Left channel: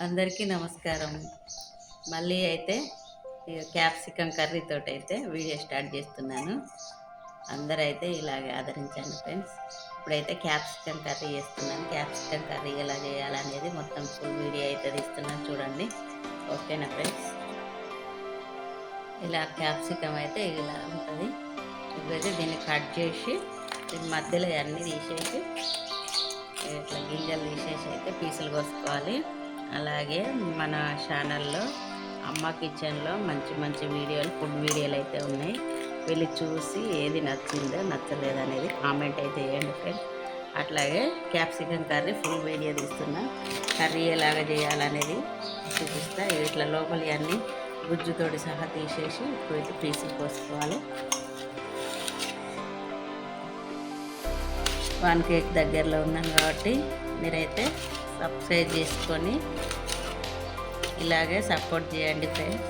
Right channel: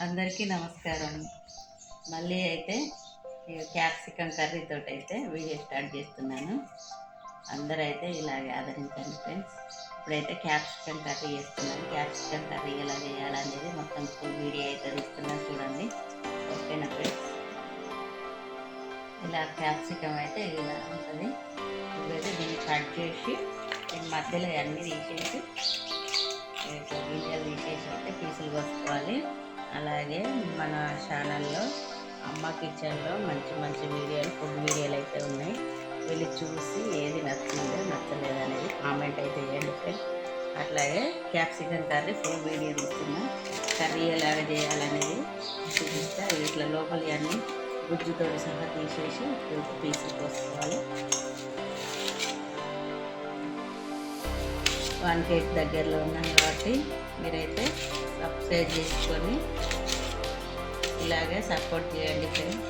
అందరికీ నమస్కారం. మళ్ళీ అయితే ఈ క్యాప్సికమ్ కర్రీతోటి అయితే వీడియో స్టార్ట్ చేస్తున్నాను. అందరైతే ఇలాగే ఆదరించండి ఫ్రెండ్స్. ఇప్పుడైతే క్యాప్సికమ్ కర్రీ చేస్తున్నాను. క్యాప్సికమ్ కర్రీ ఎలా చేయాలనేది మొత్తం ఫుల్ వీడియో అయితే తీస్తున్నాను, చూడండి. ఓకేనా ఫ్రెండ్స్? ఇలా క్యాప్సికమ్ అయితే ఇలా ఉంటుంది. ఇప్పుడైతే దీన్ని కట్ చేసి ఈ మధ్యలో అన్నీ తీసేసి ఇట్లా గింజలు తీసేసి అయితే పీసులు కోసుకోవాలి. అలాగే మన ఛానల్లో అమ్మ కిచెన్లో మంచి మంచి వీడియోలు, ఫుడ్ వీడియోలు అయితే ఉన్నాయి. వెళ్ళి చూసి ఏది నచ్చిందో నచ్చలేదో అనేది కామెంట్ అయితే చేయండి ఫ్రెండ్స్. అట్లాగే క్యాప్సికమ్ కర్రీ ఫుల్ వీడియో తీస్తున్నా. కర్రీ ఎలాగ చేయాలనేది చూపిస్తా. ఇట్లా లోపలి అన్నీ గుజ్జుతోటి సహా తీసేసి ఇప్పుడు పీసులు కోసుకోవాలి. 1 కేక్ దగ్గరలో ఉన్నాం కాబట్టి మీరైతే సబ్స్క్రైబ్ చేసుకొని ఇలాగే సపోర్ట్ చేయండి ఫ్రెండ్స్.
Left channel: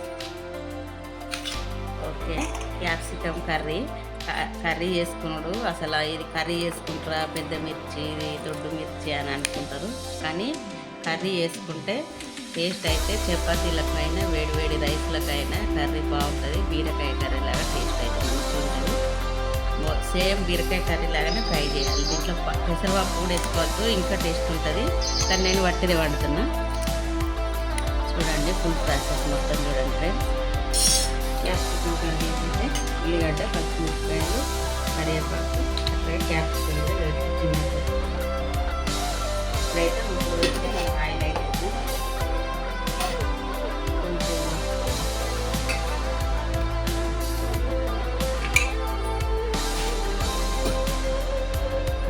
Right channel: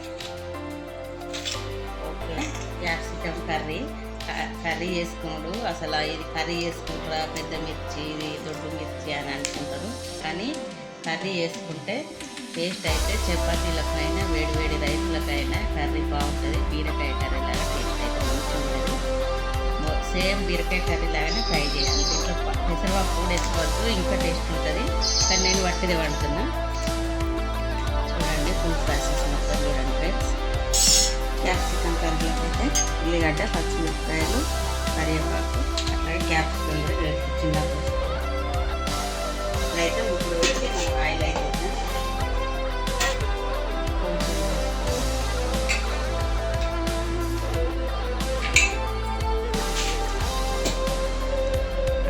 ఓకే, క్యాప్సికమ్ కర్రీ చేసుకున్నాడు. అసలు ఇది కర్రీ చేసుకుంటారా, పెద్ద మిర్చి, ఇది దొడ్డు మిర్చి అని అనుకుంటారు. కానీ కర్రీ చేసుకుంటే టేస్ట్ అయితే చపాతీలకైనా వేడి వేడి రైస్లకైనా కర్రీ బాగుంటుంది. బీరకాయ కర్రీ లాగా టేస్ట్ అయితే మంచిగా ఉంటుంది. సేమ్ బీరకాయ కర్రీ లాగానే ఫ్రై చేయాలి. దీంట్లో పెసరపప్పు కూడా వేసుకోవచ్చు, ఇంకా టేస్ట్ ఉంటుంది. కానీ నేను వట్టిదే వండుతున్నా. చూడండి ఫుల్ ప్రాసెస్ మొత్తం చూడండి ఫ్రెండ్స్. క్యాప్సికమ్ కర్రీ అయితే ఉల్లిగడ్డ, పచ్చిమిరపకాయలు, కరివేపాకు, అట్లాగే క్యాప్సికమ్ కూడా చిన్నగా వేసుకోవాలి. ఇప్పుడైతే ముగ్గురు వేస్తే మనకు ఆయిల్ అయితే కొంచెం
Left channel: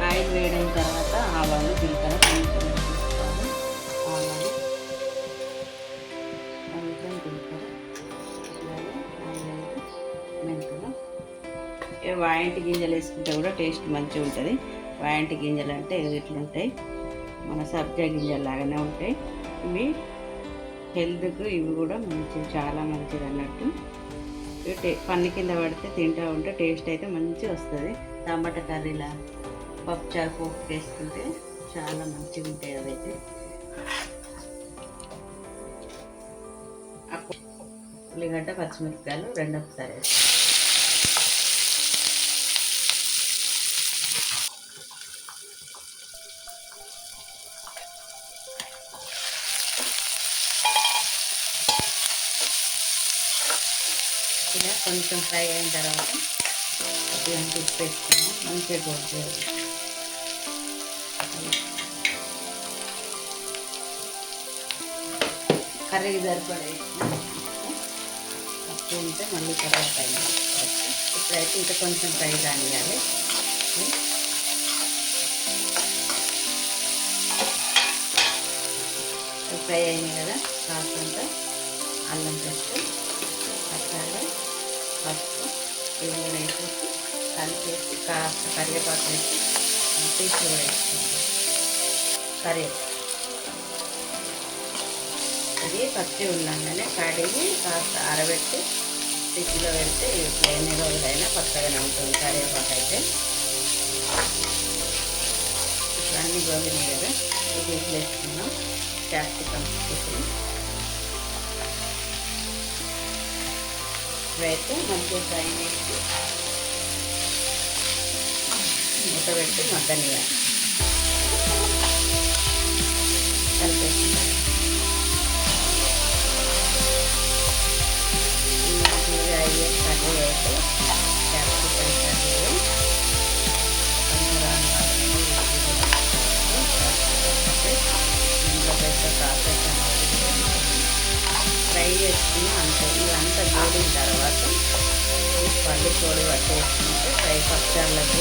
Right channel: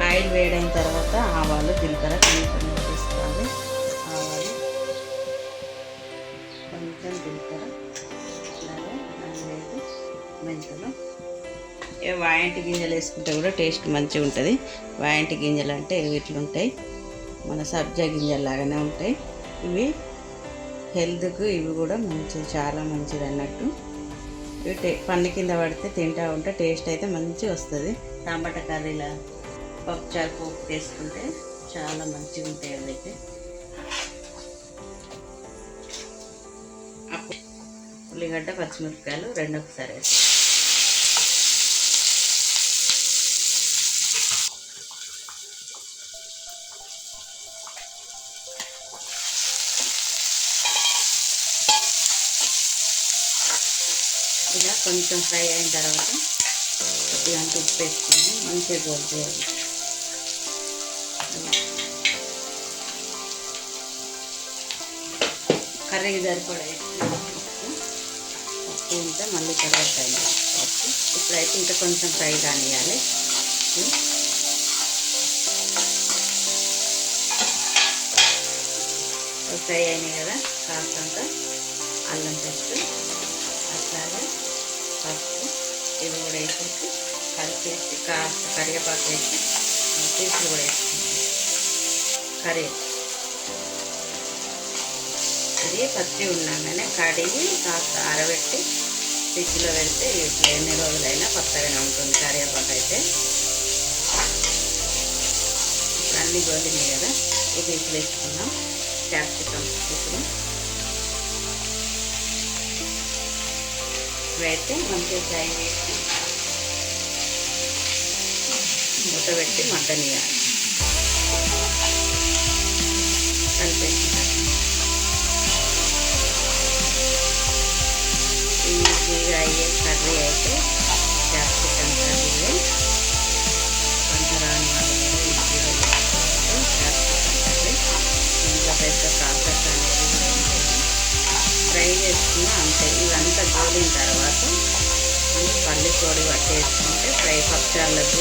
ఆయిల్ వేడైన తర్వాత ఆవాలు, జీలకర్ర తీసుకోవాలి. ఆవాలు, కొంచెం జీలకర్ర, అలాగే 4-5 మెంతులు. వాయింటి గింజలు వేసుకుంటే కూడా టేస్ట్ మంచిగా ఉంటుంది. వాయింటి గింజలు అంటే ఇట్లుంటాయి, మన సబ్జా గింజలు లాగానే ఉంటాయి. ఇవి హెల్త్కు ఇవి కూడా చాలా మంచిది అన్నట్టు. ఇవి పండు కింద పడితే తింటా ఉంటే టేస్ట్ అయితే మంచిగా వస్తుంది. టమాటా కర్రీలా, పప్పుచారు పోపు వేసుకుంటే చాలా మంచిగా ఉంటాయి అవైతే. ఉల్లిగడ్డ, పచ్చిమిరపకాయలు రెండు ఒకసారి వేస్తాం. ఇలా కొంచెం ఫ్రై అయిన తర్వాత కొద్దిగా ఉప్పు వేసుకుని మంచిగా గోల్ చేయాలి. కర్రీకి సరిపడా పప్పు ఉంటే మళ్ళీ తర్వాత ఇప్పుడైతే ఇంకా కొంచెం ఫ్రై కానియాలి. ఫ్రై అయినాయి కదా, కాస్తంత అల్లం పేస్ట్, అట్లాగే పసుపు ఇవి కూడా వేసేసి కలిపేసి కాస్త కరివేపాకు వేసి పీసులు కూడా వేసుకుంటాం. ఇది పచ్చి ఉండగానే కడిగి కాస్త ఆరబెట్టి ఫ్రిడ్జ్లో పెడితే ఇట్లా ఎన్ని రోజులైనా కొత్తగానే ఉంటుంది. కరివేపాకు అయితే ఇట్లా అన్ని గోలినాయి కదా, ఈ పీసులు వేసుకున్నాం. క్యాప్సికమ్ పీసులు ఇవైతే మంచిగా ఫ్రై చేసి మూత పెట్టి మగ్గనియాలి. కలిపేసుకుంటాం. ఈజీగా అయ్యే కర్రీ అయితే క్యాప్సికమ్ కర్రీ. కొంచెం ఈజీగా క్యాప్సికమ్ కర్రీ ఇంట్లో పెద్ద ప్రాసెస్ అనేది ఉంటుంది. ఫ్రై చేసుకుని అంతే. ఇవంతా గోలిన తర్వాత పల్లి పొడి కట్టేసుకుంటే ఫ్రై పచ్చాలకు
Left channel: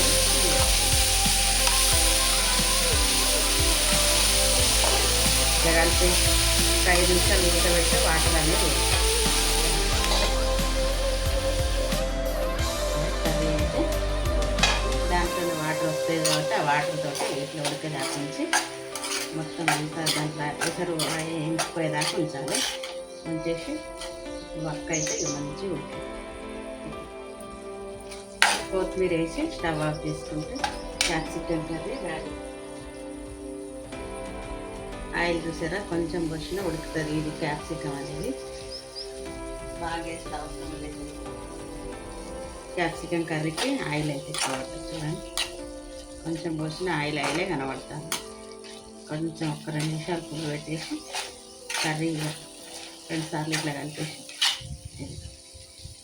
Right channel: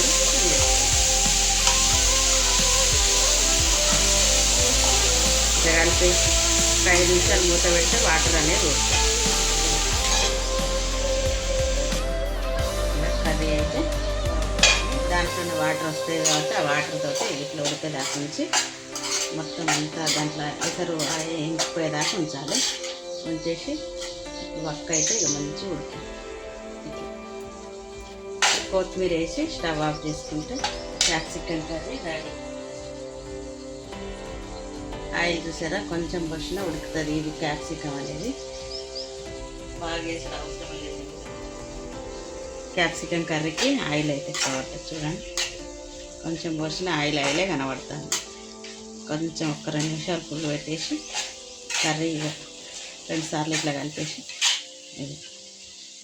ఇట్లా కలిపి 5 నిమిషాలు మూత పెడితే వాటర్ అనేది కర్రీ అయితే దాంట్లోనే వాటర్ వస్తాయి కాబట్టి ఆ వాటర్ తోటి ఇట్లా ఉడికేదాకా నుంచి మొత్తం అంతా దాంట్లో ఎసరు ఇంకిపోయేదాకా ఉంచాలి. ఉంచేసి వక్క అయితే మంచి ఉడికి కొత్తిమీర వేసి స్టవ్ ఆఫ్ చేసుకుంటే క్యాప్సికమ్ కర్రీ రెడీ. ఆయిల్ చూసారా కొంచెం పోసినా ఉడుకుతుంది. ఇది క్యాప్సికమ్ అనేది బాగా వేసిన అవసరం లేదు. క్యాప్సికమ్ కర్రీకి ఆయిల్ అయితే ఎక్కువ పట్టదు. చూడండి కొంచెం పోసిన ఆయిలే కనబడుతుంది. కొంచెం ఒక 2 నిమిషాలు పువ్వు పెట్టేసి కర్రీ 2 సార్లు ఇట్లా కలిపేసి ఇది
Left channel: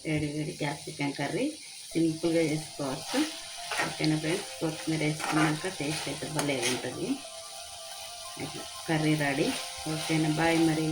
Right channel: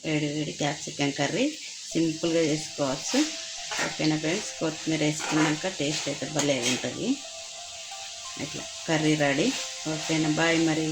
వేడి వేడి క్యాప్సికమ్ కర్రీ సింపుల్గా చేసుకోవచ్చు. ఓకేనా ఫ్రెండ్స్, కొత్తిమీర వేసుకున్నాక టేస్ట్ అయితే భలే ఉంటుంది. ఇట్లా కర్రీ రెడీ. ఓకేనా, బాయ్ మరి.